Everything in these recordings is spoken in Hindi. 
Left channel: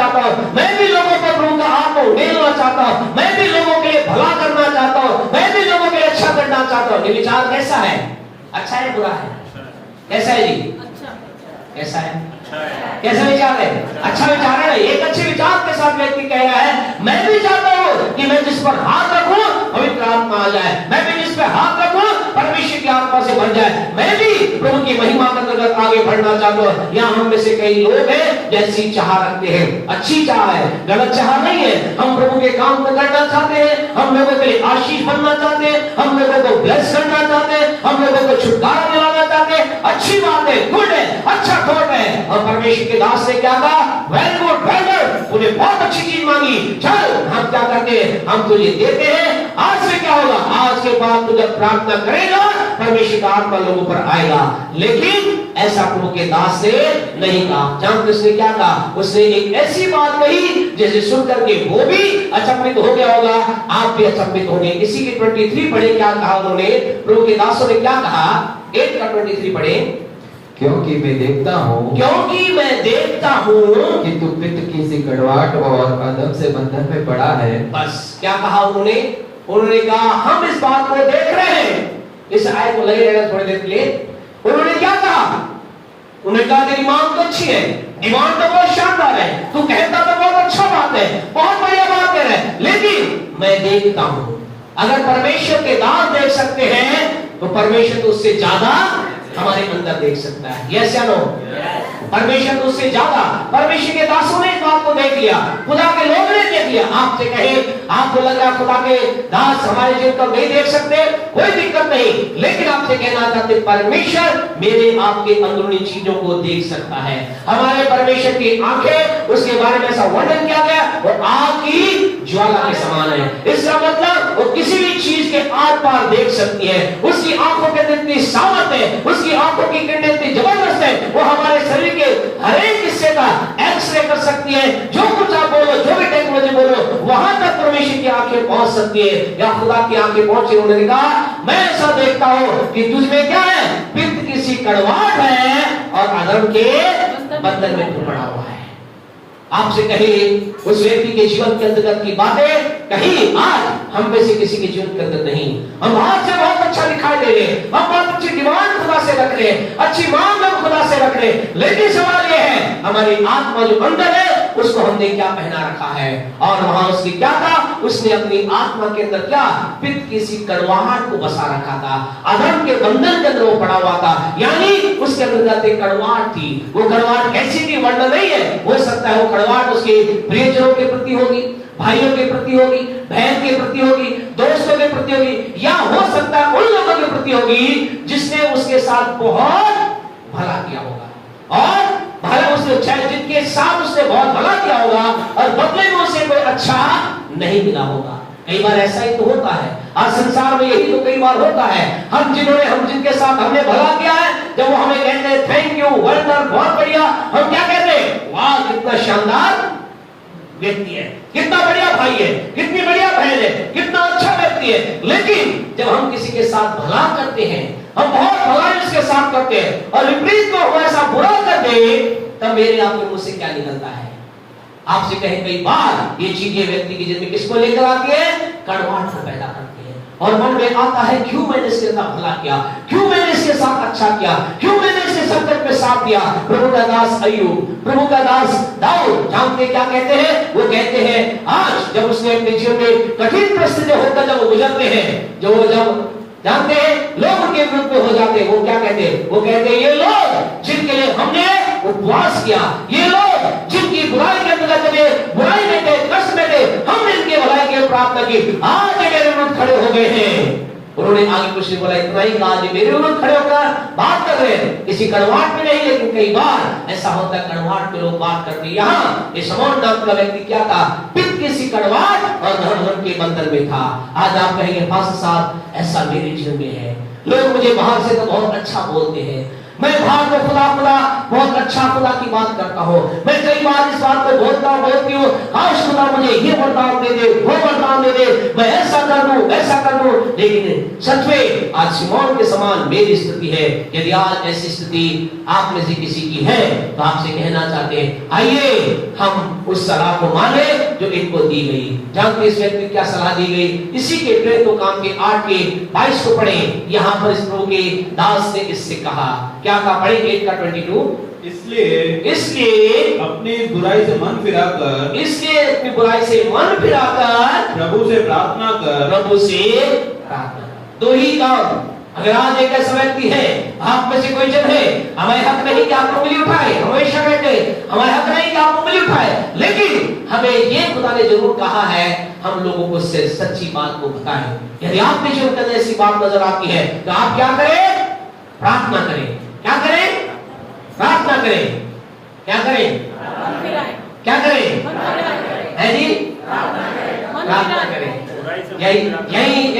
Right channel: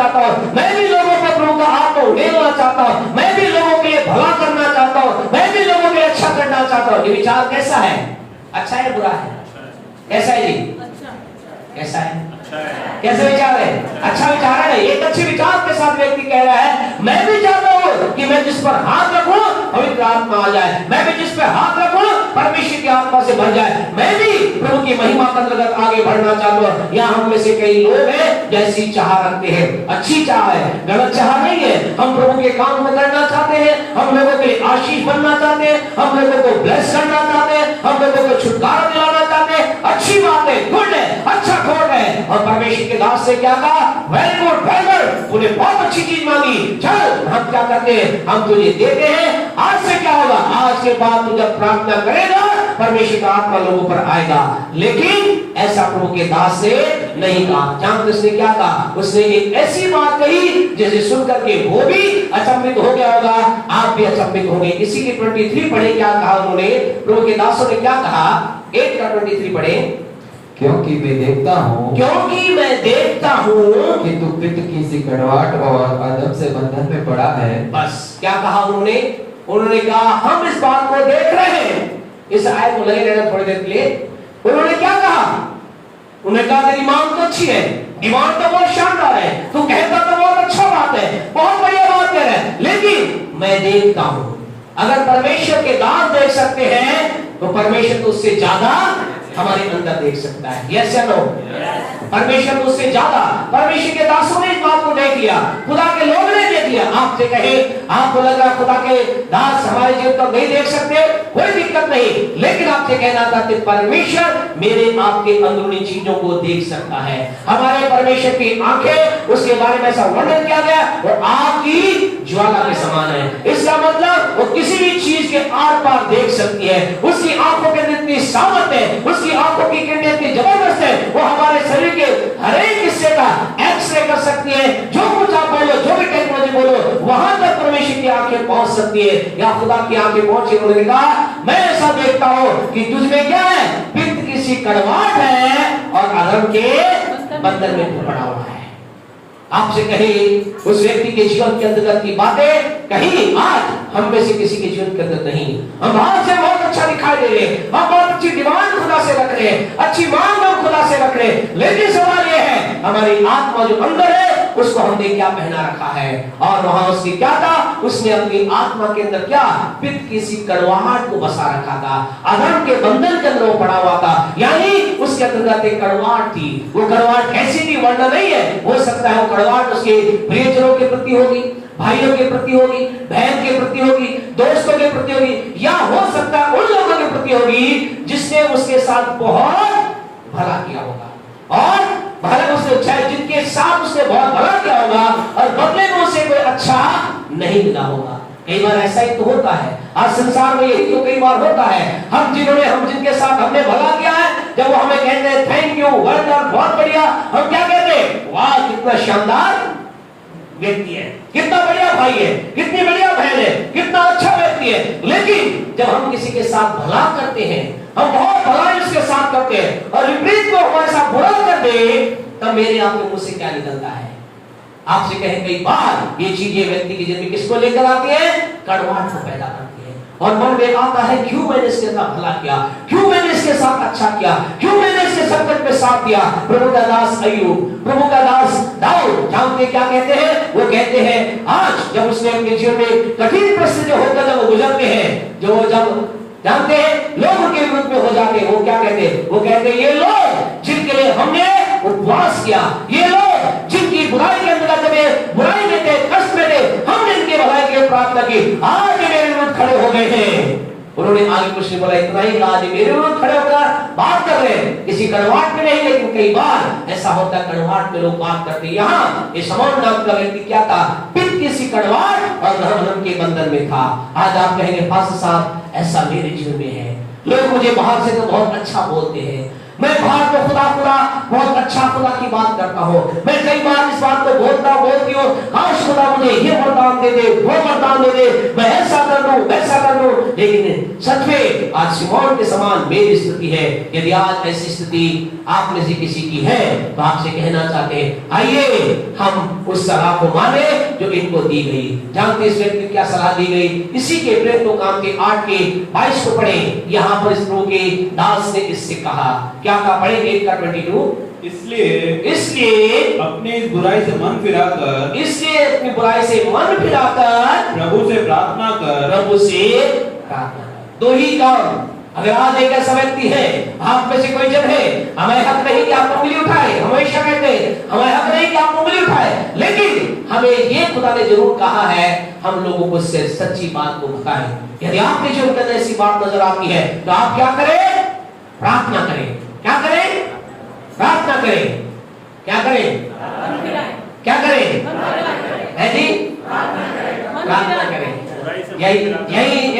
चाहता हूँ, मैं भी लोगों को प्रभु का हाथ को उड़ेलना चाहता हूँ, मैं भी लोगों के लिए भला करना चाहता हूँ, मैं भी लोगों के लिए अच्छा करना चाहता हूँ। ये विचार कैसा है? अच्छा है बुरा है? कैसा है जी? कैसा है? कैसा विचार है? अच्छा विचार है। एक अच्छे विचार के साथ व्यक्ति कह रहा है, मैं भी चाहता हूँ कि मैं जिस पर हाथ रखूं पवित्र आत्मा आ जाए, मैं भी जिस पर हाथ रखूं परमेश्वर की आत्मा से भर जाए, मैं भी प्रभु की महिमा के अंतर्गत आगे बढ़ना चाहता हूँ। यहाँ हम में से कई लोग हैं जैसी चाह रखते हैं, अच्छी चाह है, गलत चाह नहीं है। हम प्रभु के काम को करना चाहते हैं, हम लोगों के लिए आशीष बनना चाहते हैं, हम लोगों को ब्लेस करना चाहते हैं, हम लोगों को छुटकारा दिलाना चाहते हैं। अच्छी बात है, गुड है, अच्छा खोट है। और परमेश्वर के दास ने क्या कहा? वेरी गुड, वेल डन, तूने बहुत अच्छी चीज मांगी, चल हम क्या करते हैं, हम तुझे देते हैं। आज से क्या होगा? आज के बाद तू जब प्रार्थना करेगा परमेश्वर का आत्मा लोगों पर आएगा। लेकिन ऐसा प्रभु के दास ने नहीं कहा। जानते उसने क्या कहा? उसने एक ऐसी बात कही जैसे सुनकर के वो भी अचंभित हो गया होगा, आप भी अचंभित हो गए। इसी की 23 पढ़े, क्या कहा उन्होंने? प्रभु के दासों ने क्या कहा? 8 का 23 पढ़े। क्योंकि मैं देखता हूँ कि तू पित्त की सी कड़वाहट और अधम से बंधन में पड़ा है। बस क्या कहा उन्होंने? उन्होंने कहा हम इस बात को देख रहे हैं। इस आयत को लगे रहना थोड़ी देर के लिए। उन्होंने क्या कहा? उन्होंने कहा तेरी मांग तो अच्छी है, डिमांड तो बहुत शानदार है, तू कहता तो बहुत अच्छा बात है, बहुत बढ़िया बात कह रहा है, लेकिन मैं देखता हूं। अगर परमेश्वर के दास देख सकते हैं तो परमेश्वर तो उससे ज्यादा हमारे अंदर देख सकता है। यस या नो? परमेश्वर तो उससे ज्यादा। परमेश्वर के दासों ने इस बात को देख लिया, खुदा के लोगों ने देख लिया। आपसे कहे, आपको लग रहा खुदा के दास हमारे जीवन को नहीं देख सकते, कोई दिक्कत नहीं, लेकिन आपसे कहना चाहते परमेश्वर मेरे आपके अंदरूनी चीजों को देख सकता है। हमारे परमेश्वर की आंखें, उसके बारे में ऐसा वर्णन किया गया, वो आग की ज्वाला के समान है। इसका मतलब वो किसी भी चीज के आर पार देख सकती है। उसकी आंखों के अंदर इतनी सामर्थ है, उसकी आंखों की किरणें इतनी जबरदस्त है, वो हमारे शरीर के हर एक हिस्से का एक्सरे कर सकती है। जो कुछ आप बोलो, जो भी टेक्नोलॉजी बोलो, वहां तक परमेश्वर की आंखें पहुंच सकती है, या खुदा की आंखें पहुंची। उन्होंने कहा मैं ऐसा देखता हूं कि तुझमें क्या है? पित्त की सी कड़वाहट है और अधर्म के बंधन में तू पड़ा हुआ है। आपसे कहे उस व्यक्ति के जीवन के अंतर्गत की बातें कहीं आज हम में से किसी के जीवन के अंदर नहीं। हम आज से बहुत अच्छा दिखाई दे रहे हैं, हम बहुत अच्छी डिमांड खुदा से रख रहे हैं, अच्छी मांग हम खुदा से रख रहे हैं, लेकिन सवाल यह है हमारी आत्मा जो अंदर है उसको हमने क्या पहना रखा है? और वहां उसकी क्या था? उसने अपनी आत्मा के अंदर क्या? पित्त की सी कड़वाहट को बसा रखा था, अधर्म के बंधन के अंदर वो पड़ा हुआ था। यानी उसके अंदर एक कड़वाहट थी। वो कड़वाहट ऐसी की वर्णन नहीं है, हो सकता है वो कड़वाहट उसके प्रियजनों के प्रति होगी, भाइयों के प्रति होगी, बहन के प्रति होगी, दोस्तों के प्रति होगी, या हो सकता है उन लोगों के प्रति होगी जिसने उसके साथ बहुत भला किया होगा, और भला उसने जिनके साथ उसने बहुत भला किया होगा और बदले में उसे कोई अच्छा नहीं मिला होगा। कई बार ऐसा ही तो होता है, आज संसार में यही तो कई बार होता है। हम जिनके साथ हमने भला किया है, जब वो हमें कहते हैं थैंक यू, वेल डन, बहुत बढ़िया, हम क्या कहते हैं? वाह कितना शानदार व्यक्ति है, कितना बढ़िया भाई है, कितनी बढ़िया बहन है, कितना अच्छा व्यक्ति है। लेकिन जब हम किसी के साथ भला करते हैं, हम बहुत भलाई उसके साथ करते हैं, और विपरीत को हम ऐसा बुरा कर दे, तब मेरे आपके मुंह से क्या निकलता है? आपसे कहे कई बार ये चीजें व्यक्ति की जिंदगी किसको लेकर आती है? कड़वाहट को पैदा करती है, और मन में आता है क्यों मैंने इसके साथ भला किया, क्यों मैंने इसके साथ अच्छा किया, क्यों मैंने इसके संकट में साथ दिया। प्रभु का दास अय्यूब, प्रभु का दास दाऊद, जानते क्या कहते हैं? वो कहते हैं आज जब उसने अपने जीवन में कठिन परिस्थिति होकर जब वो गुजरते हैं, जब जानते हैं लोग उनके विरुद्ध में हो जाते हैं, वो क्या कहते हैं? वो कहते हैं ये लोग जिनके लिए हमने उपवास किया, ये लोग जिनकी बुराई के अंदर जब बुराई में थे, कष्ट में थे, हमने इनके भलाई के लिए प्रार्थना की, आज मेरे विरुद्ध खड़े हो गए हैं। उन्होंने आगे कुछ बोला, इतना ही आज मेरे विरुद्ध खड़े होकर बात कर रहे हैं, किसी कड़वाहट में नहीं, लेकिन कई बार ऐसा होता है कड़वाहट में लोग बात करते हैं। यहाँ ये शमौन नाम का व्यक्ति क्या था? पित्त की सी कड़वाहट और धर्म के बंधन में था। आज आप कहेंगे पास्टर साहब ऐसा मेरे जीवन में है, लोग मुझे बाहर से तो बहुत अच्छा बोलते हैं, मैं बाहर को खुदा बहुत अच्छा खुदा की बात करता हूँ, मैं कई बार इस बात को बोलती हूँ, काश खुदा मुझे ये वरदान दे दे, वो वरदान दे दे, मैं ऐसा कर दूं, वैसा कर दूं, लेकिन सच में आज सिमोन के समान मेरी स्थिति है। यदि आज ऐसी स्थिति आप में से किसी की है तो आपसे कहना चाहते हैं, आइए हम उस सलाह को माने जो इनको दी गई। जानते इस व्यक्ति क्या सलाह दी गई? इसी के प्रेरितों काम के 8 के 22 को पढ़े। यहाँ पर इस प्रभु के दास ने इससे कहा, क्या कहा? पढ़ेंगे 8:22। इसलिए अपनी बुराई से मन फिराकर प्रभु से प्रार्थना कर। दो ही काम। अगर आज एक ऐसा व्यक्ति है, आप में से कोई जब है, हमें हक नहीं कि आपको उंगली उठाए, हमेशा कहते हैं हमें हक नहीं कि आपको उंगली उठाए, लेकिन हमें ये खुदा ने जरूर कहा है हम लोगों को सच्ची बात को बताएं। यदि आप में जो कदर ऐसी बात नजर आती है तो आप क्या करें? प्रार्थना करें। क्या करें? प्रार्थना करें। क्या करें? क्या करें? है जी? प्रार्थना करें। यही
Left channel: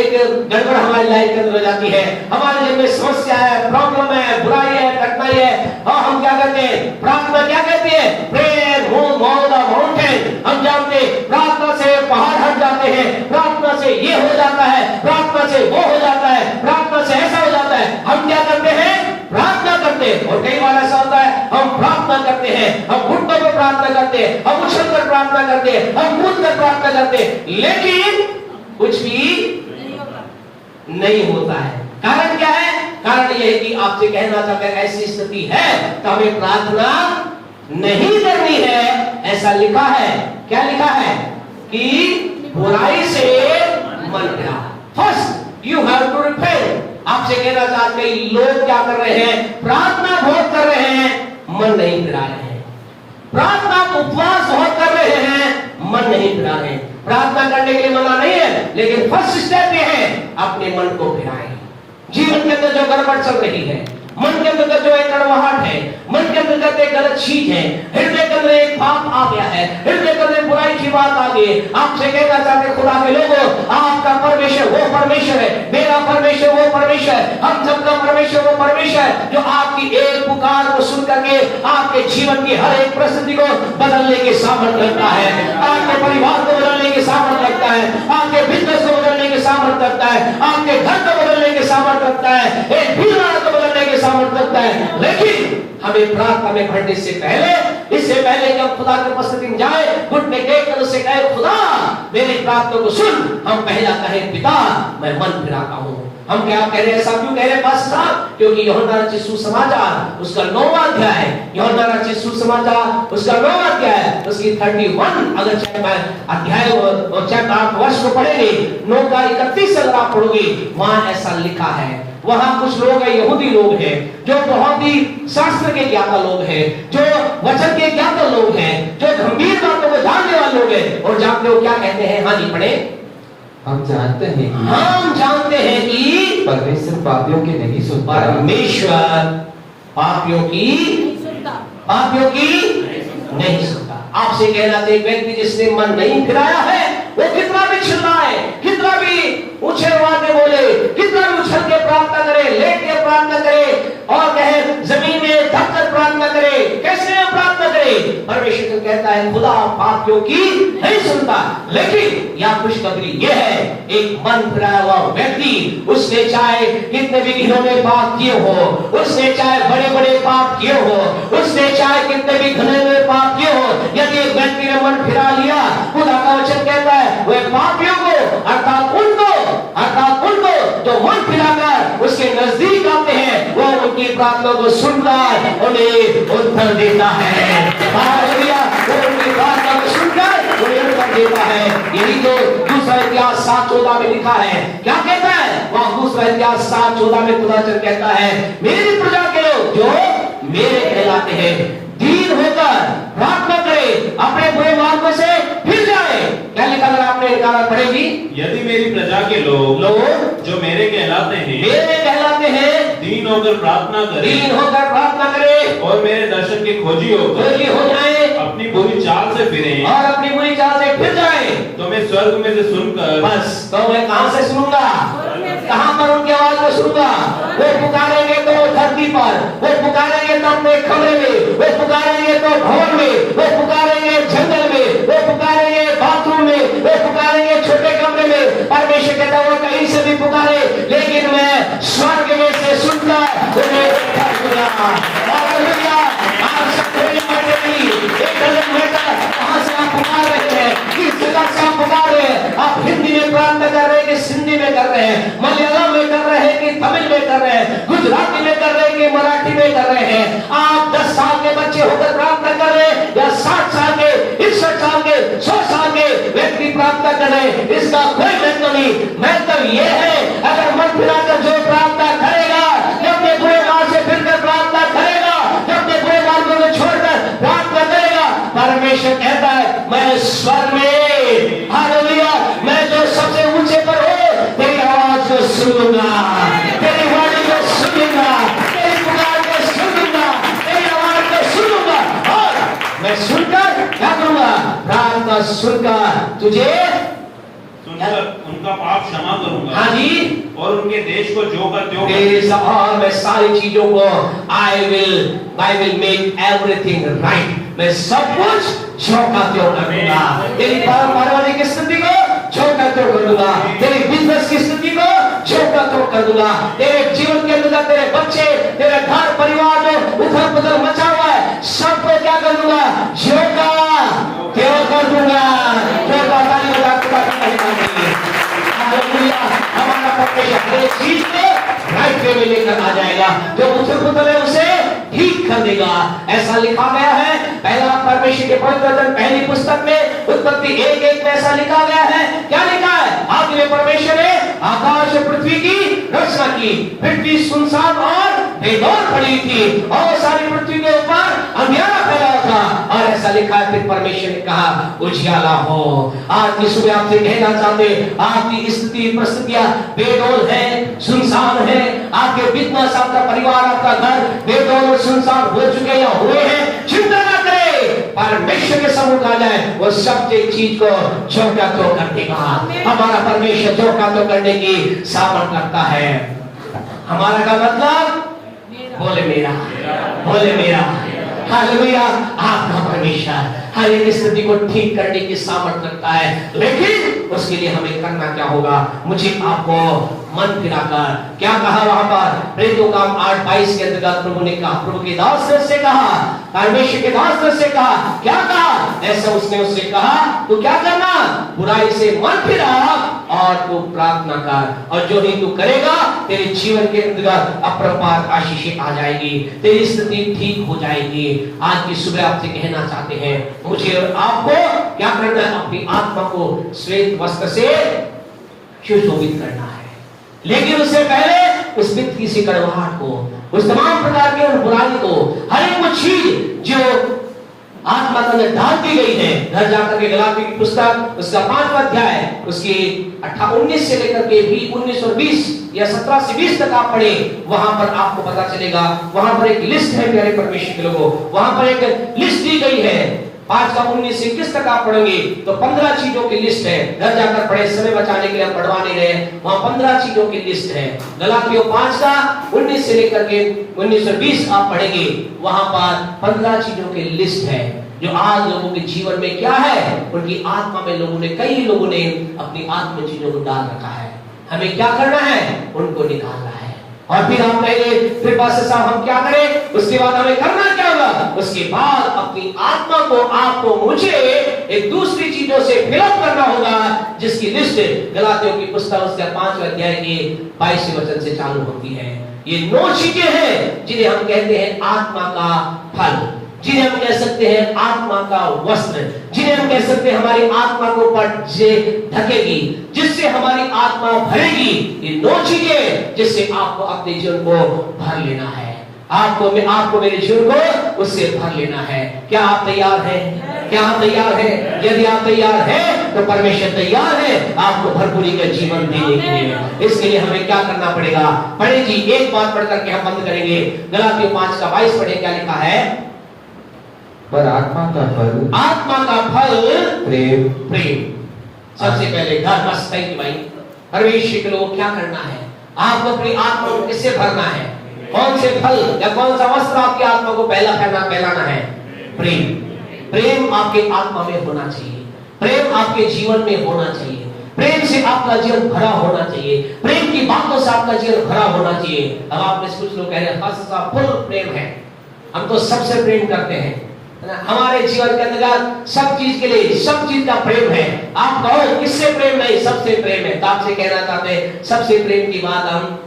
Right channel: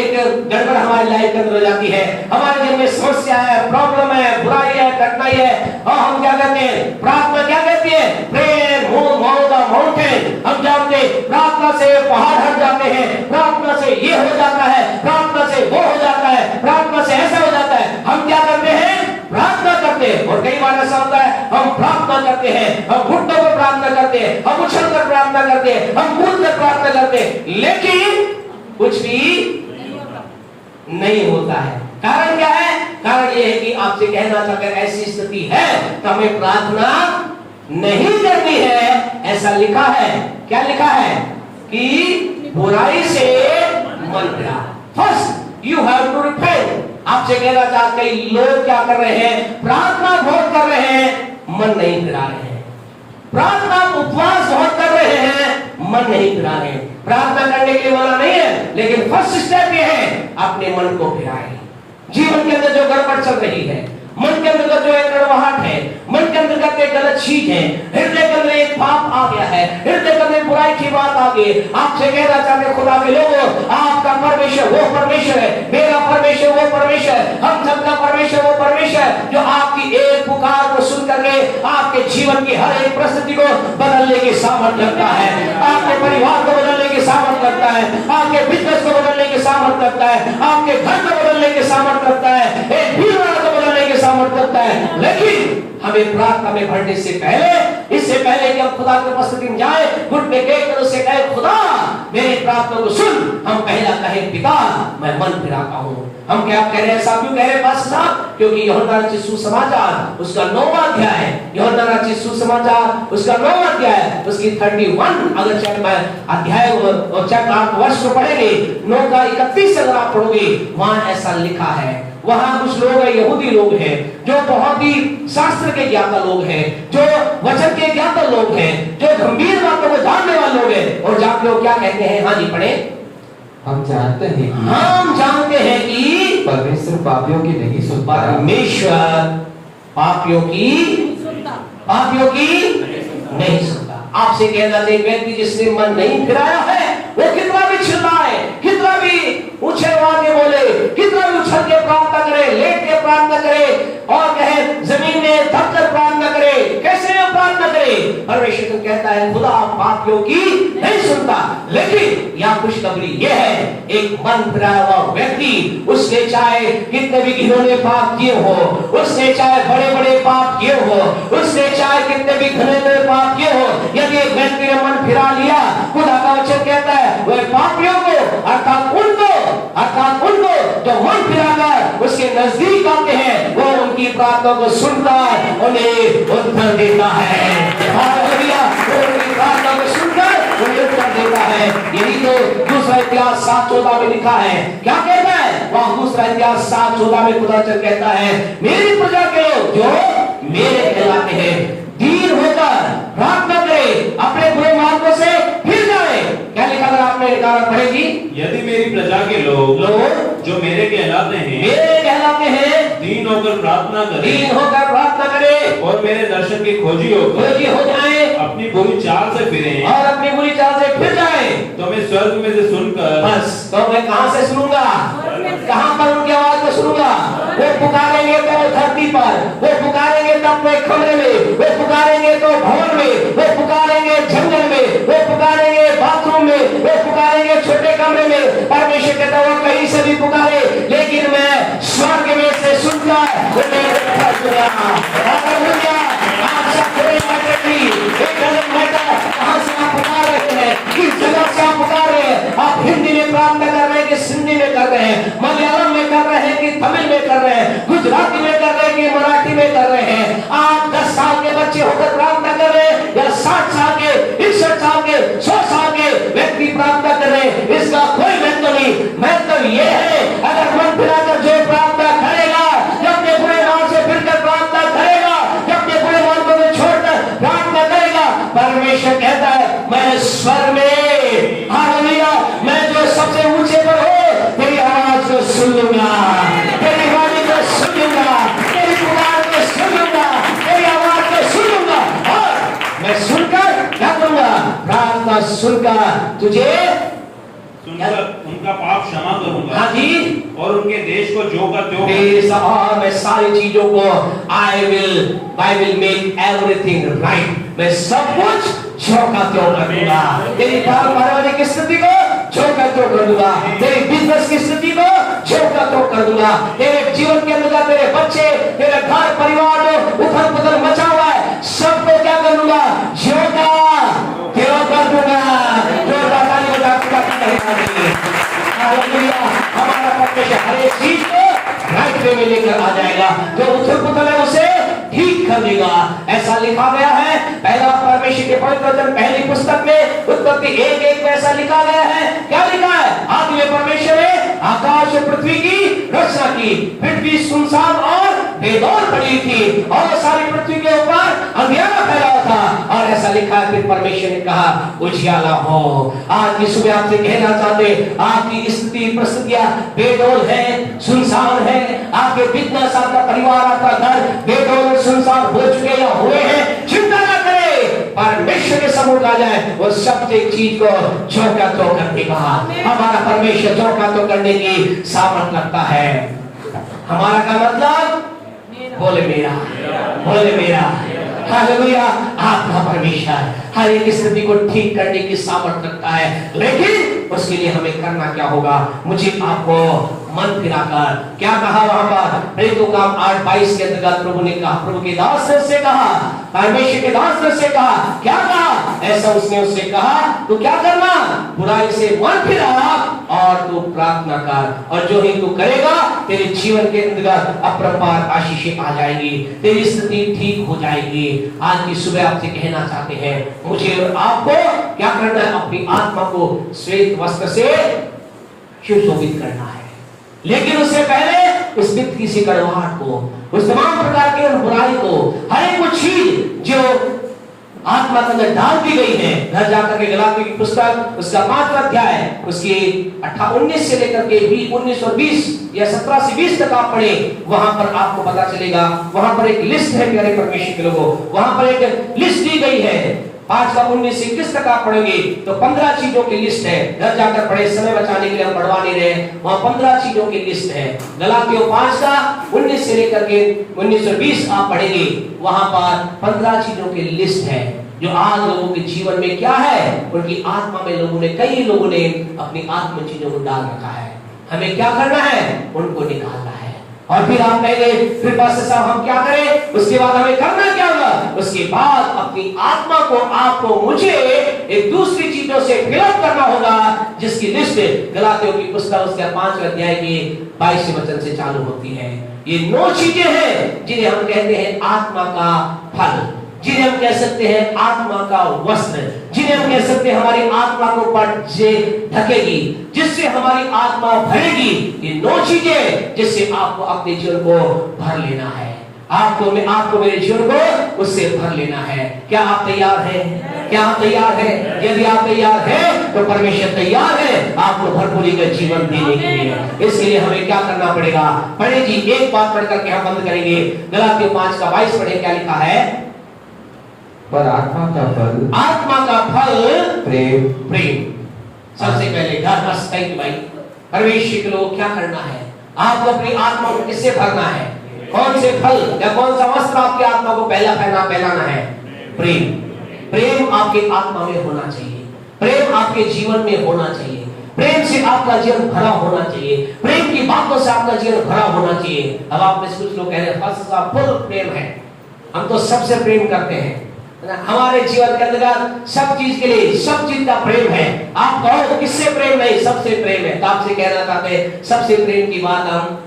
एक गड़बड़ हमारी लाइफ के अंदर हो जाती है। हमारे जीवन में समस्या है, प्रॉब्लम है, बुराई है, कठिनाई है, और हम क्या कहते हैं? प्रार्थना क्या कहती है? Prayer move the mountain. हम जानते हैं प्रार्थना से पहाड़ हट जाते हैं, प्रार्थना से ये हो जाता है, प्रार्थना से वो हो जाता है, प्रार्थना से ऐसा हो जाता है। हम क्या करते हैं? प्रार्थना करते हैं। और कई बार ऐसा होता है हम प्रार्थना करते हैं, हम घुटनों पर प्रार्थना करते हैं, हम उछलकर प्रार्थना करते हैं, हम कूदकर प्रार्थना करते हैं, लेकिन कुछ भी नहीं होता है। कारण क्या है? कारण यह है कि आपसे कहना चाहते हैं ऐसी स्थिति है तो हमें प्रार्थना नहीं करनी है। ऐसा लिखा है। क्या लिखा है? कि बुराई से मन फिरा। First you have to repent. आपसे कहना चाहते हैं लोग क्या कर रहे हैं? प्रार्थना बहुत कर रहे हैं, मन नहीं फिरा रहे हैं। प्रार्थना उपवास बहुत कर रहे हैं, मन नहीं फिरा रहे हैं। प्रार्थना करने के लिए मना नहीं है, लेकिन फर्स्ट स्टेप ये है अपने मन को फिराएं। जीवन के अंदर जो गड़बड़ चल रही है, मन के अंदर जो एक कड़वाहट है, मन के अंदर एक गलत चीज है, हृदय के अंदर एक पाप आ गया है, हृदय के अंदर बुराई की बात आ गई, आपसे कहना चाहते खुदा के लोगों, आपका परमेश्वर वो परमेश्वर है, मेरा परमेश्वर वो परमेश्वर है, हम सबका परमेश्वर वो परमेश्वर है जो आपकी एक पुकार को सुन करके आपके जीवन की हर एक परिस्थिति को बदलने की सामर्थ्य रखता है, आपके परिवार को बदलने की सामर्थ्य रखता है, आपके बिजनेस को बदलने की सामर्थ्य रखता है, आपके घर को बदलने की सामर्थ्य रखता है, एक भीड़ को बदलने की सामर्थ्य रखता है। लेकिन हमें प्रार्थना में बढ़ने से पहले, इससे पहले कि हम खुदा की उपस्थिति में जाए, घुटने टेक कर उससे कहे खुदा मेरी प्रार्थना को सुन, हम पहला कहे पिता मैं मन फिराता हूँ। हम क्या कह रहे हैं? साहब क्यों कह रहे हैं पास्टर साहब? क्योंकि यूहन्ना रचित सुसमाचार उसका 9वां अध्याय, यूहन्ना रचित सुसमाचार उसका 9वां अध्याय, उसकी 31 अगर अध्याय और चैप्टर 8 वर्ष को पढ़ेंगे, 9 का 31 अगर आप पढ़ोगे, वहां ऐसा लिखा है। वहां कुछ लोग हैं, यहूदी लोग हैं, जो बहुत ही शास्त्र के ज्ञाता लोग हैं, जो वचन के ज्ञाता लोग हैं, जो गंभीर बातों को जानने वाले लोग हैं, और जान लोग क्या कहते हैं? हाँ जी पढ़े। हम जानते हैं कि परमेश्वर पापियों की नहीं सुनता। परमेश्वर पापियों की नहीं सुनता। आपसे कहना चाहिए व्यक्ति जिसने मन नहीं फिराया है वो कितना भी चिल्लाए, कितना भी ऊंचे आवाज में बोले, कितना भी उछल के प्रार्थना करे, लेट के प्रार्थना करे, और कहे जमीन में दबकर प्रार्थना करे, कैसे प्रार्थना करे? परमेश्वर कहता है खुदा पापियों की नहीं सुनता। लेकिन यह खुशखबरी यह है, एक मन फिराया हुआ व्यक्ति, उसने चाहे कितने भी घिनौने पाप किए हो, उसने चाहे बड़े बड़े पाप किए हो, उसने चाहे कितने भी घने पाप किए हो, यदि एक व्यक्ति ने मन फिरा लिया, खुदा का वचन कहता है वह पापियों को अर्थात उनको जो मन फिराकर उसके नजदीक आते हैं, वो उनकी प्रार्थना को सुनकर उन्हें उत्तर देता है। हालेलुया! वो उनकी प्रार्थना को सुनकर उन्हें उत्तर देता है। यही तो दूसरा इतिहास 7:14 में लिखा है। क्या कहता है वह? दूसरा इतिहास 7:14 में खुदा कहता है मेरी प्रजा के लोग जो मेरे कहलाते हैं दीन होकर प्रार्थना करे, अपने बुरे मार्गों से फिर जाए। क्या लिखा अगर आपने निकाला पढ़ेगी? यदि मेरी प्रजा के लोग जो मेरे कहलाते हैं दीन होकर प्रार्थना करे और मेरे दर्शन के खोजी हो जाए, अपनी बुरी चाल से फिरें और अपनी बुरी चाल से फिर जाए, तो मैं स्वर्ग में से सुनकर, बस तो मैं कहां से सुनूंगा? कहां पर उनकी आवाज को सुनूंगा? वो पुकारेंगे तो धरती पर, वो पुकारेंगे तो अपने कमरे में, वो पुकारेंगे तो भवन में, वो पुकारेंगे जंगल में, वो पुकारेंगे बाथरूम में, वो पुकारेंगे छोटे कमरे में, और परमेश्वर कहता है वो कहीं से भी पुकारे, लेकिन मैं स्वर्ग में से सुनकर उन्हें उठा दूंगा। हालेलुया। आप सब कोई बैठेगी, एक गलत मैटर कहां से आप पुकार रहे हैं, किस जगह से आप पुकार रहे हैं, आप हिंदी में प्रार्थना कर रहे हैं कि सिंधी में कर रहे हैं, मलयालम में कर रहे हैं कि तमिल में कर रहे हैं, गुजराती में कर रहे हैं कि मराठी में कर रहे हैं। आप 10 साल के बच्चे होकर प्रार्थना कर रहे हैं या 60 साल के, 61 साल के, 100 साल के व्यक्ति प्रार्थना कर रहे हैं, इसका कोई महत्व नहीं। महत्व ये है अगर मन फिराकर जो प्रार्थना करेगा, जब ये बुरे मार्ग से फिरकर प्रार्थना करेगा, जब ये बुरे मार्गों को छोड़कर प्रार्थना करेगा, परमेश्वर कहता है मैं स्वर्ग में, हालेलुया, मैं जो सबसे ऊंचे पर हूं, तेरी आवाज को सुनूंगा, तेरी वाणी को सुनूंगा, तेरी पुकार को सुनूंगा, तेरी आवाज को सुनूंगा, और मैं सुनकर क्या करूंगा, प्रार्थना सुनकर तुझे उनका पाप क्षमा करूंगा। हाँ जी, और उनके देश को जो का त्यों और मैं सारी चीजों को I will make everything right, मैं सब कुछ जो का त्यों कर दूंगा। तेरी पारिवारिक स्थिति को जो का त्यों कर दूंगा, तेरी बिजनेस की स्थिति को जो का त्यों कर दूंगा, तेरे जीवन के अंदर तेरे बच्चे, तेरे घर परिवार में उथल पुथल मचा हुआ है, सबको क्या कर दूंगा, जो का त्यों कर दूंगा। जो ताली बजा हमारा परमेश्वर हर एक चीज को राइट वे में लेकर आ जाएगा, जो उथल पुथल है उसे ठीक कर देगा। ऐसा लिखा गया है पहला परमेश्वर के पवित्र वचन पहली पुस्तक में उत्पत्ति 1:1 में ऐसा लिखा गया है। क्या लिखा है, आदि में परमेश्वर ने आकाश और पृथ्वी की रचना की, पृथ्वी सुनसान और बेदौर पड़ी थी और सारी पृथ्वी के ऊपर अंधियारा फैला था, और ऐसा लिखा है फिर परमेश्वर ने कहा उजियाला हो। आज की सुबह आपसे कहना चाहते, आपकी स्थिति परिस्थितियां बेदौर है, सुनसान है, आपके बिजनेस, आपका परिवार, आपका घर बेदौर और सुनसान हो चुके या हुए हैं, चिंता ना करें, परमेश्वर के सम्मुख आ जाए, वो सब एक चीज को झोंका तो कर देगा। हमारा परमेश्वर झोंका तो करने की सामर्थ रखता है। हमारा का मतलब बोले मेरा, बोले मेरा, हालेलुया। आपका परमेश्वर हर एक स्थिति को ठीक करने की सामर्थ रखता है, लेकिन उसके लिए हमें करना क्या होगा, मुझे आपको मन फिराकर क्या कहा वहां पर प्रेरितों का 8:22 के अंतर्गत प्रभु ने कहा, प्रभु के दास से कहा, परमेश्वर के दास से कहा, क्या कहा, ऐसा उसने उससे कहा तू क्या करना, बुराई से मन फिरा और तू प्रार्थना कर, और जो ही तू करेगा तेरे जीवन के अंतर्गत अपरंपार आशीषें आ जाएगी, तेरी स्थिति ठीक हो जाएगी। आज की सुबह आपसे कहना चाहते हैं, मुझे और आपको क्या करना है, अपनी आत्मा को श्वेत वस्त्र से सुशोभित करना है, लेकिन उससे पहले उस व्यक्ति की कड़वाहट को, उस तमाम प्रकार के बुराई को, हर एक चीज जो आत्मा के अंदर डाल दी गई है, घर जाकर के गलाती की पुस्तक उसका 5वां अध्याय उसकी 19 से लेकर के 19 और 20 या 17 से 20 तक आप पढ़े, वहां पर आपको पता चलेगा। वहां पर एक लिस्ट है प्यारे परमेश्वर के लोगों, वहां पर एक लिस्ट दी गई है। 5 का 19 से 21 तक आप पढ़ेंगे तो 15 चीजों की लिस्ट है। घर जाकर पढ़े, समय बचाने के लिए हम पढ़वा नहीं रहे, वहां 15 चीजों की लिस्ट है। गलातियों 5 का 19 से लेकर के 19 और 20 आप पढ़ेंगे, वहां पर 15 चीजों की लिस्ट है जो आज लोगों के जीवन में क्या है, उनकी आत्मा में लोगों ने, कई लोगों ने अपनी आत्म चीजों को डाल रखा है। हमें क्या करना है, उनको निकालना है। और फिर आप कहेंगे फिर पास्टर साहब हम क्या करें, उसके बाद हमें करना क्या होगा, उसके बाद अपनी आत्मा को, आपको, मुझे एक दूसरी चीजों से फिलअप करना होगा, जिसकी लिस्ट गलातियों की पुस्तक उसके 5वें अध्याय की 22वें वचन से चालू होती है। ये 9 चीजें हैं जिन्हें हम कहते हैं आत्मा का फल, जिन्हें हम कह सकते हैं आत्मा का वस्त्र, जिन्हें हम कह सकते हैं हमारी आत्मा को पट से ढकेगी, जिससे हमारी आत्मा भरेगी। ये 9 चीजें जिससे आपको अपने जीवन को भर लेना है, आपको मेरे जीवन को उससे भर लेना है। क्या आप तैयार हैं? क्या आप तैयार हैं? यदि आप तैयार हैं तो परमेश्वर तैयार है आपको भरपूरी का जीवन देने के लिए। इसके लिए हमें क्या करना पड़ेगा, पढ़े जी, एक बात पढ़ करके हम बंद करेंगे। गलातियों 5 का 22 पढ़े, क्या लिखा है, पर आत्मा का फल प्रेम। प्रेम सबसे पहले घर बस थैंक भाई परमेश्वर के लोग क्या करना है, आपको अपनी आत्मा को किससे भरना है, कौन से फल या कौन सा वस्त्र आपकी आत्मा को पहलाना है, प्रेम। प्रेम आपके आत्मा में होना चाहिए, प्रेम आपके जीवन में होना चाहिए, प्रेम से आपका जीवन भरा होना चाहिए, प्रेम की बातों से आपका जीवन भरा होना चाहिए। अब आप में से कुछ लोग कह रहे हैं फुल प्रेम है, हम तो सबसे प्रेम करते हैं, हमारे जीवन के अंदर सब चीज के लिए सब चीज का प्रेम है। आप कहो किससे प्रेम नहीं, सबसे प्रेम है। तो आपसे कहना चाहते हैं सबसे प्रेम की बात हम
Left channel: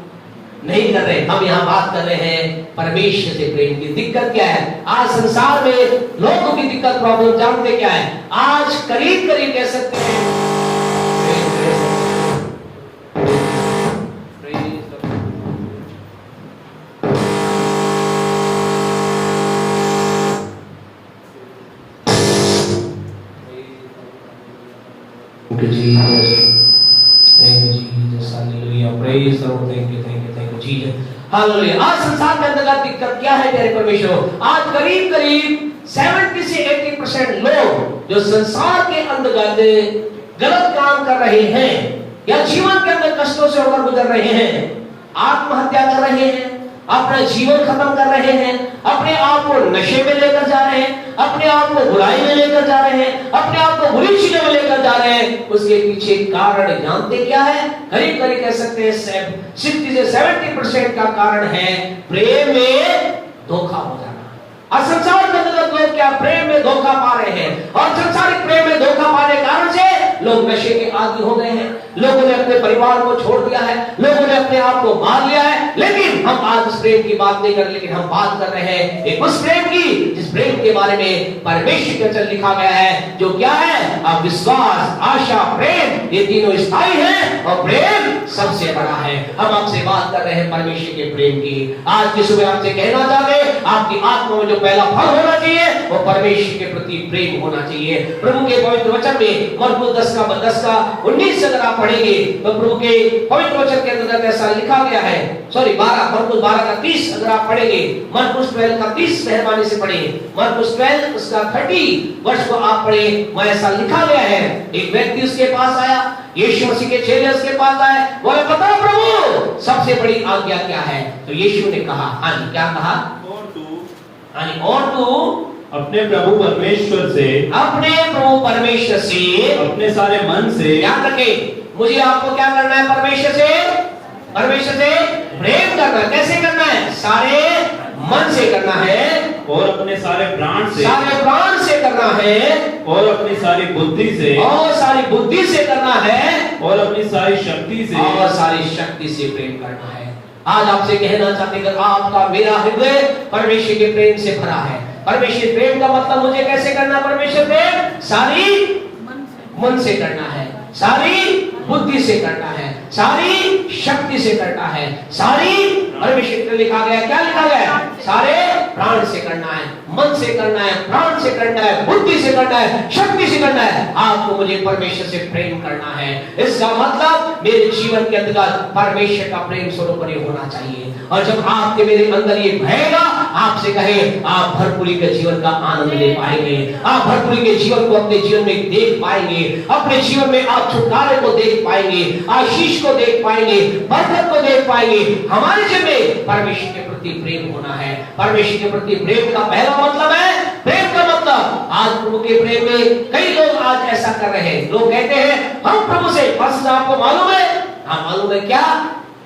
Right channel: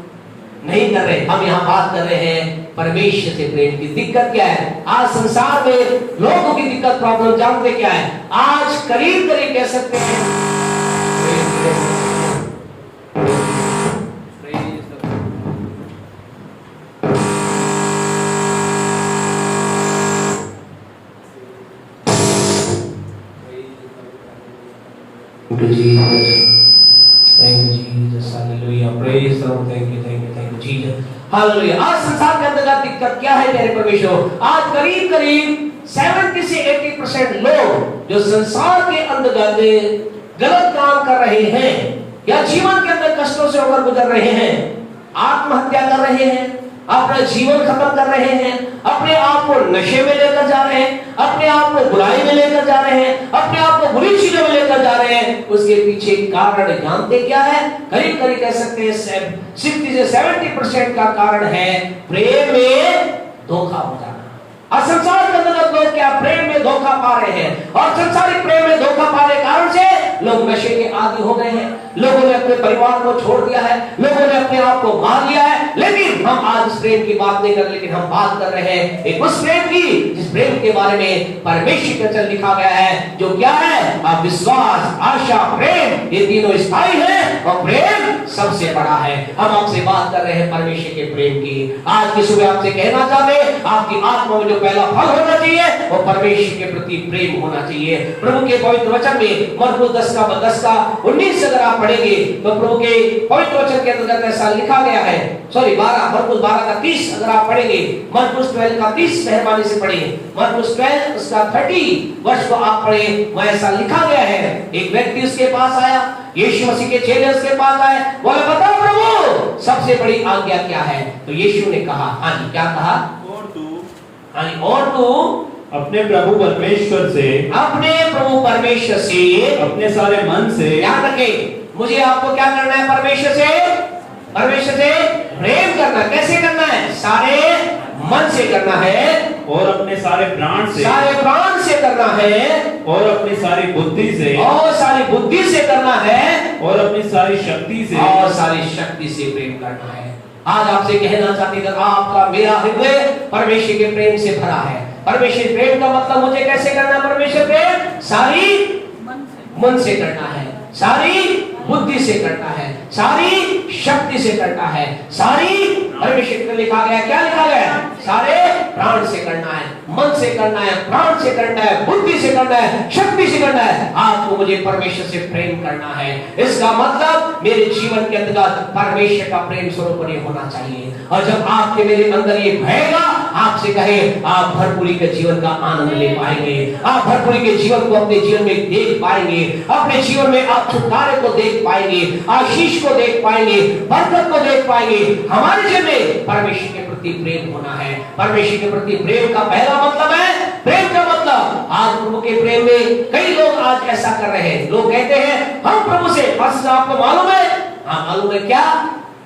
नहीं कर रहे, हम यहाँ बात कर रहे हैं परमेश्वर से प्रेम की। दिक्कत क्या है आज संसार में, लोगों की दिक्कत प्रॉब्लम जानते क्या है? आज करीब करीब कह सकते हैं आज संसार के अंदर दिक्कत क्या है मेरे परमेश्वर? आज करीब करीब 70 से 80% लोग जो संसार के अंदर गलत काम कर रहे हैं या जीवन के अंदर कष्टों से होकर गुजर रहे हैं, आत्महत्या कर रहे हैं, अपना जीवन खत्म कर रहे हैं, अपने आप को नशे में लेकर जा रहे हैं, अपने आप को बुराई में लेकर जा रहे हैं, अपने आप को बुरी चीजों में लेकर जा रहे हैं। उसके पीछे कारण जानते क्या है? करीब करीब कह सकते हैं 60 से 70% का कारण है प्रेम में धोखा हो जाना। और संसार के अंदर लोग क्या प्रेम में धोखा पा रहे हैं, और संसारिक प्रेम में धोखा पाने के कारण से लोग नशे के आदी हो गए हैं, लोगों ने अपने परिवार को छोड़ दिया है, लोगों ने अपने आप को मार लिया है। लेकिन हम आज उस प्रेम की बात नहीं कर रहे, लेकिन हम बात कर रहे हैं एक उस प्रेम की जिस प्रेम के बारे में परमेश्वर के वचन लिखा गया है, जो क्या है? अब विश्वास, आशा, प्रेम, ये तीनों स्थायी है और प्रेम सबसे बड़ा है। हम आपसे बात कर रहे हैं परमेश्वर के प्रेम की। आज की सुबह आपसे कहना चाहते हैं आपकी आत्मा में जो पहला फल होना चाहिए वो परमेश्वर के प्रति प्रेम होना चाहिए। प्रभु के पवित्र वचन में मरकुस 10 का 19 अगर आप पढ़ेंगे तो प्रभु के पवित्र वचन के अंदर ऐसा लिखा गया है। मरकुस 12 का 30 अगर आप पढ़ेंगे, मरकुस 12 का 30 मेहरबानी से पढ़िए, मरकुस 12 उसका 30 वर्ष को आप पढ़े, वह ऐसा लिखा गया है। एक व्यक्ति उसके पास आया, यीशु मसीह के चेले उसके पास आए, बोले बताओ प्रभु सबसे बड़ी आज्ञा क्या है? तो यीशु ने कहा, हाँ जी क्या कहा? और तू अपने प्रभु परमेश्वर से अपने सारे मन से, ध्यान रखें, मुझे आपको क्या करना है? परमेश्वर से प्रेम करना। कैसे करना है? सारे मन से करना है, और अपने सारे प्राण से करना है, और अपनी सारी बुद्धि से करना है, और अपनी सारी शक्ति से प्रेम करना है। आज आपसे कहना चाहते हैं आपका मेरा हृदय परमेश्वर के प्रेम से भरा है। परमेश्वर प्रेम का मतलब मुझे कैसे करना? परमेश्वर प्रेम सारी मन से करना है, सारी बुद्धि से करना है, सारी शक्ति से करना है, सारी परमेश्वर में लिखा गया, क्या लिखा गया? सारे प्राण से करना है, मन से करना है, प्राण से करना है, बुद्धि से करना है, शक्ति से करना है। आपको मुझे परमेश्वर से प्रेम करना है। इसका मतलब मेरे जीवन के अंदर परमेश्वर का प्रेम स्वरूप होना चाहिए। और जब आपके मेरे अंदर ये भरेगा, आपसे कहे आप भरपूरी के जीवन का आनंद ले पाएंगे, आप भरपूरी के जीवन को अपने जीवन में देख पाएंगे, अपने जीवन में आप छुटकारे को देख पाएंगे, आशीष को देख पाएंगे, बरकत को देख पाएंगे। हमारे जीवन में परमेश्वर के प्रति प्रेम होना है। परमेश्वर के प्रति प्रेम का पहला मतलब है, प्रेम का मतलब आज प्रभु के प्रेम में कई लोग आज ऐसा कर रहे हैं। लोग कहते हैं हम प्रभु से, बस आपको मालूम है? हाँ मालूम है क्या?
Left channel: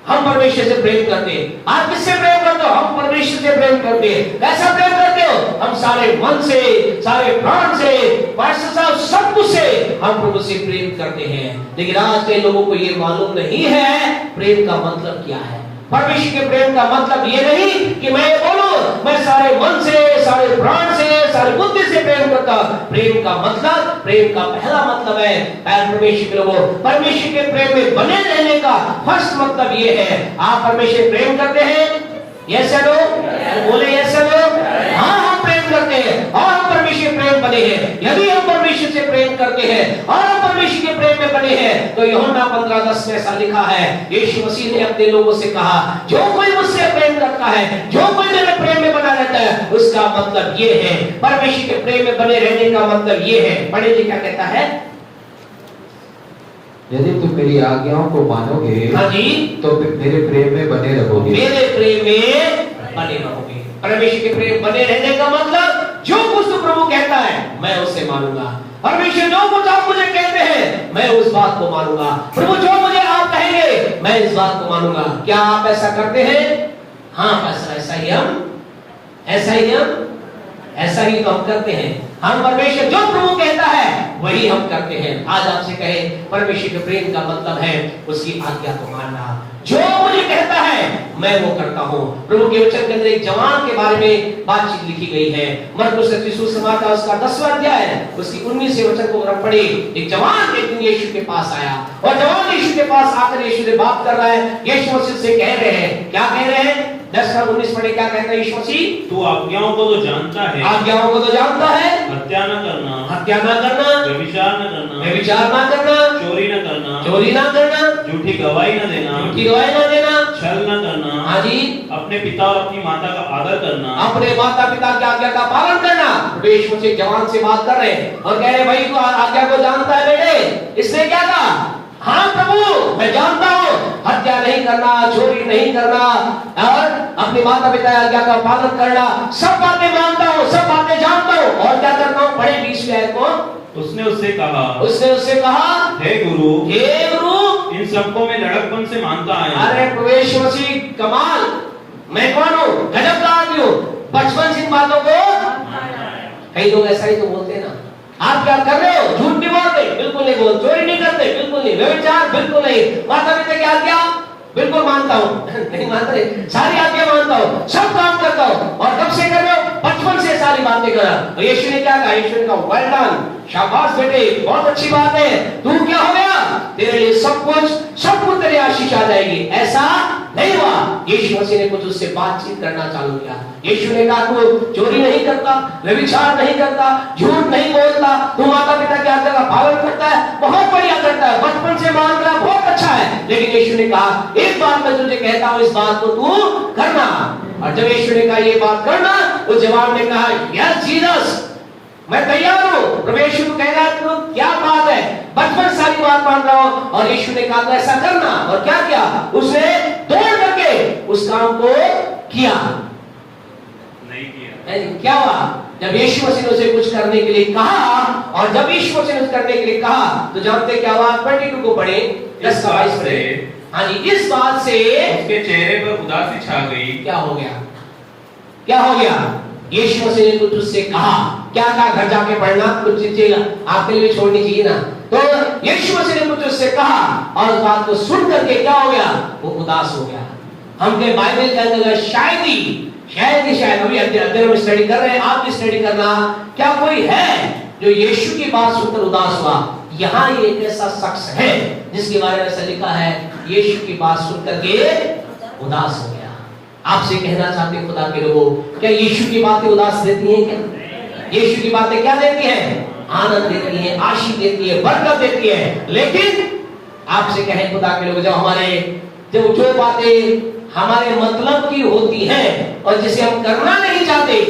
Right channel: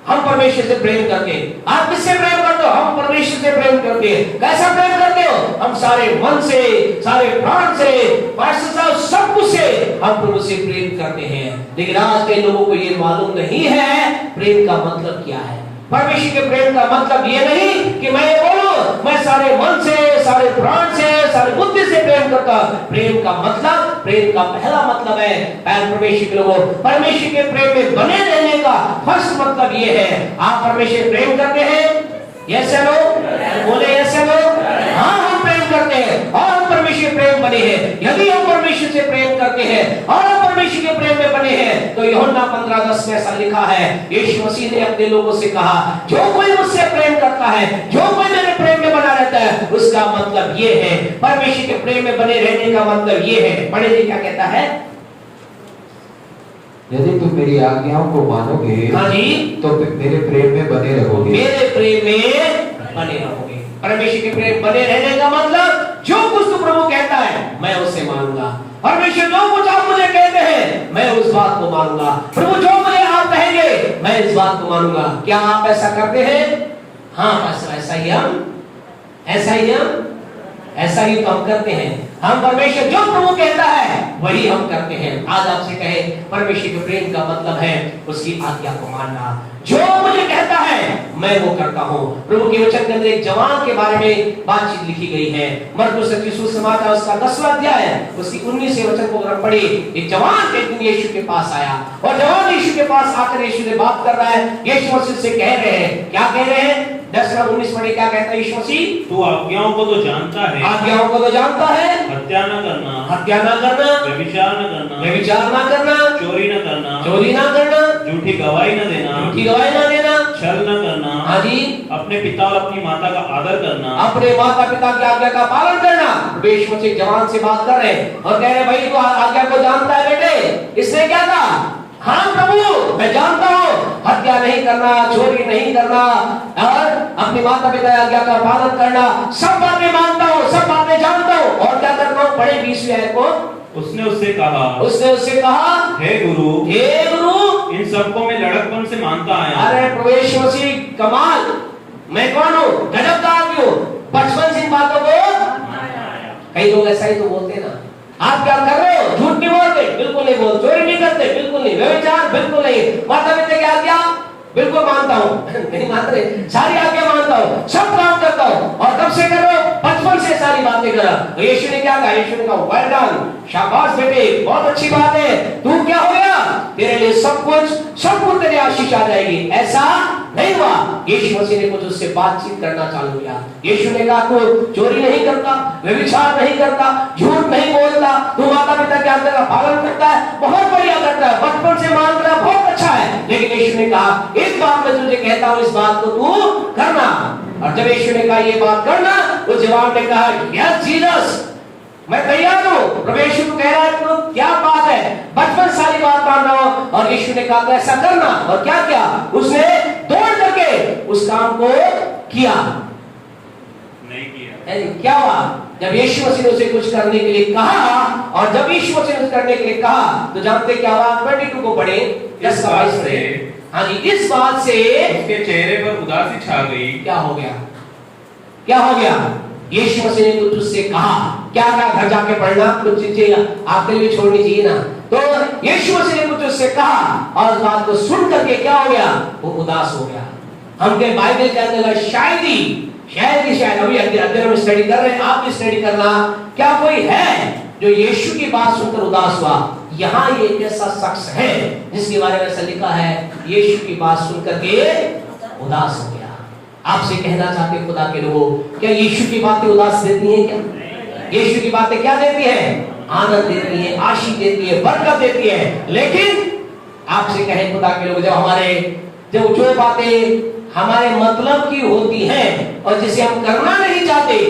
हम परमेश्वर से प्रेम करते हैं। आप किससे प्रेम करते हो? हम परमेश्वर से प्रेम करते हैं। कैसा प्रेम करते हो? हम सारे मन से, सारे प्राण से, सब कुछ से हम प्रभु से प्रेम करते हैं। लेकिन आज के लोगों को ये मालूम नहीं है प्रेम का मतलब क्या है। परमेश्वर के प्रेम का मतलब ये नहीं कि मैं बोलूं मैं सारे मन से, सारे प्राण से, सारी बुद्धि से प्रेम करता। प्रेम का मतलब, प्रेम का पहला मतलब है परमेश्वर के लोगों, परमेश्वर के प्रेम में बने रहने का फर्स्ट मतलब ये है। आप परमेश्वर प्रेम करते हैं? यस या नो? बोले यस या नो? हाँ हम प्रेम करते हैं और हम परमेश्वर प्रेम बने हैं। यदि हम परमेश्वर से प्रेम करते हैं और हम परमेश्वर के प्रेम में बने हैं तो यूहन्ना 15:10 में ऐसा लिखा है, यीशु मसीह ने अपने लोगों से कहा जो कोई मुझसे प्रेम करता है, जो कोई मेरे प्रेम में बना रहता है, उसका मतलब ये है। परमेश्वर के प्रेम में बने रहने का मतलब ये है। पढ़े जी क्या कहता है? यदि तुम मेरी आज्ञाओं को मानोगे, हाँ जी, तो मेरे प्रेम में बने रहोगे। मेरे प्रेम में बने रहोगे। परमेश्वर के प्रेम बने रहने का मतलब जो कुछ तो प्रभु कहता है मैं उससे मानूंगा, परमेश्वर जो कुछ आप मुझे कहते हैं मैं उस बात को मानूंगा। प्रभु जो मुझे आप कहेंगे मैं इस बात को मानूंगा। क्या आप ऐसा करते हैं? हाँ, ऐसा ही हम करते हैं। हम परमेश्वर जो प्रभु कहता है वही हम करते हैं। आज आपसे कहे परमेश्वर के प्रेम का मतलब है उसकी आज्ञा को मानना। जो मुझे कहता है मैं वो करता हूँ। प्रभु के वचन के अंदर एक जवान के बारे में बातचीत लिखी गई है। मरकुस रचित सुसमाचार उसका 10वां अध्याय उसकी 19वें वचन को अगर पढ़े, एक जवान एक दिन यीशु के पास आया और जवान यीशु के पास आकर यीशु से बात कर रहा है। यीशु मसीह से कह रहे हैं, क्या कह रहे हैं? 10:19 पढ़े, क्या कहता है यीशु मसीह? तू आज्ञाओं को तो जानता है, आज्ञाओं को तो जानता है, हत्या न करना, हत्या न करना, व्यभिचार न करना, व्यभिचार न करना, चोरी न करना, चोरी न करना, झूठी गवाही न देना, झूठी गवाही न देना, छल न करना, हाँ जी, अपने पिता और अपनी माता का आदर करना, अपने माता पिता की आज्ञा का पालन करना। यीशु मसीह जवान से बात कर रहे हैं और कह रहे भाई तू आज्ञा को जानता है बेटे? इसने क्या कहा? हाँ प्रभु मैं जानता हूँ, हत्या नहीं करना, चोरी नहीं करना और अपनी माता पिता की आज्ञा का पालन करना, सब बातें मानता हूँ, सब बातें जानता हूँ। और क्या करता हूँ? पढ़े 20वें आयत को। उसने उससे कहा, हे गुरु, इन सबको मैं लड़कपन से मानता आया। अरे प्रभु यीशु मसीह कमाल, मैं कौन हूँ? गजब का आदमी हूँ, बचपन से इन बातों को। कई लोग ऐसा ही तो बोलते हैं ना, आप क्या कर रहे हो? झूठ नहीं बोलते, बिल्कुल नहीं बोलते, चोरी नहीं करते, बिल्कुल नहीं, व्यभिचार बिल्कुल नहीं, माता पिता की आज्ञा बिल्कुल मानता हूँ नहीं मानते, सारी आज्ञा मानता हूँ, सब काम करता हूँ। और कब से कर रहे हो? बचपन से सारी बातें करा। तो यीशु ने क्या कहा? यीशु ने कहा वेल डन, शाबाश बेटे, बहुत अच्छी बात है। तू क्या हो गया? तेरे लिए सब कुछ तेरे आशीष आ जाएगी। ऐसा नहीं हुआ। यीशु मसीह ने कुछ उससे बातचीत करना चालू किया। यीशु ने कहा तू चोरी नहीं करता, व्यभिचार नहीं करता, झूठ नहीं बोलता, तू माता पिता के आज्ञा का पालन करता है, बहुत बढ़िया करता है, बचपन से मान रहा, बहुत अच्छा है। लेकिन यीशु ने कहा एक बात मैं तुझे कहता हूँ, इस बात को तू करना। और जब यीशु ने कहा ये बात करना, तो जवान ने कहा यस जीसस, मैं तैयार हूँ। प्रभु यीशु कह रहा है तो क्या बात है, बचपन सारी बात मान रहा हूँ। और यीशु ने कहा ऐसा करना। और क्या किया? उसने दौड़ करके उस काम को किया, नहीं किया। क्या हुआ? जब यीशु मसीह ने उसे कुछ करने के लिए कहा, और जब यीशु मसीह ने कुछ करने के लिए कहा, तो जानते क्या हुआ? 22 को पढ़े, 10:22 पढ़े। हाँ जी, इस बात से उसके चेहरे पर उदासी छा गई। क्या हो गया? क्या हो गया? यीशु मसीह ने कुछ उससे कहा। क्या कहा? घर जाके पढ़ना, कुछ चीजें आपके लिए छोड़नी चाहिए ना। तो यीशु मसीह ने कुछ उससे कहा और उस बात को सुन करके क्या हो गया? वो उदास हो गया। हमके बाइबल के अंदर शायद ही अभी अध्ययन में स्टडी कर रहे हैं, आप भी स्टडी करना। क्या कोई है जो यीशु की बात सुनकर उदास हुआ? यहाँ ये एक ऐसा शख्स है जिसके बारे में ऐसा लिखा है, यीशु की बात सुनकर के उदास हो गया। आपसे कहना चाहते खुदा के लोगों, क्या यीशु की बातें उदास देती हैं? क्या यीशु की बातें क्या देती हैं? आनंद देती है, आशीष देती है, बरकत देती है। लेकिन आपसे कहे खुदा के लोग, जब जो बातें हमारे मतलब की होती हैं और जिसे हम करना नहीं चाहते,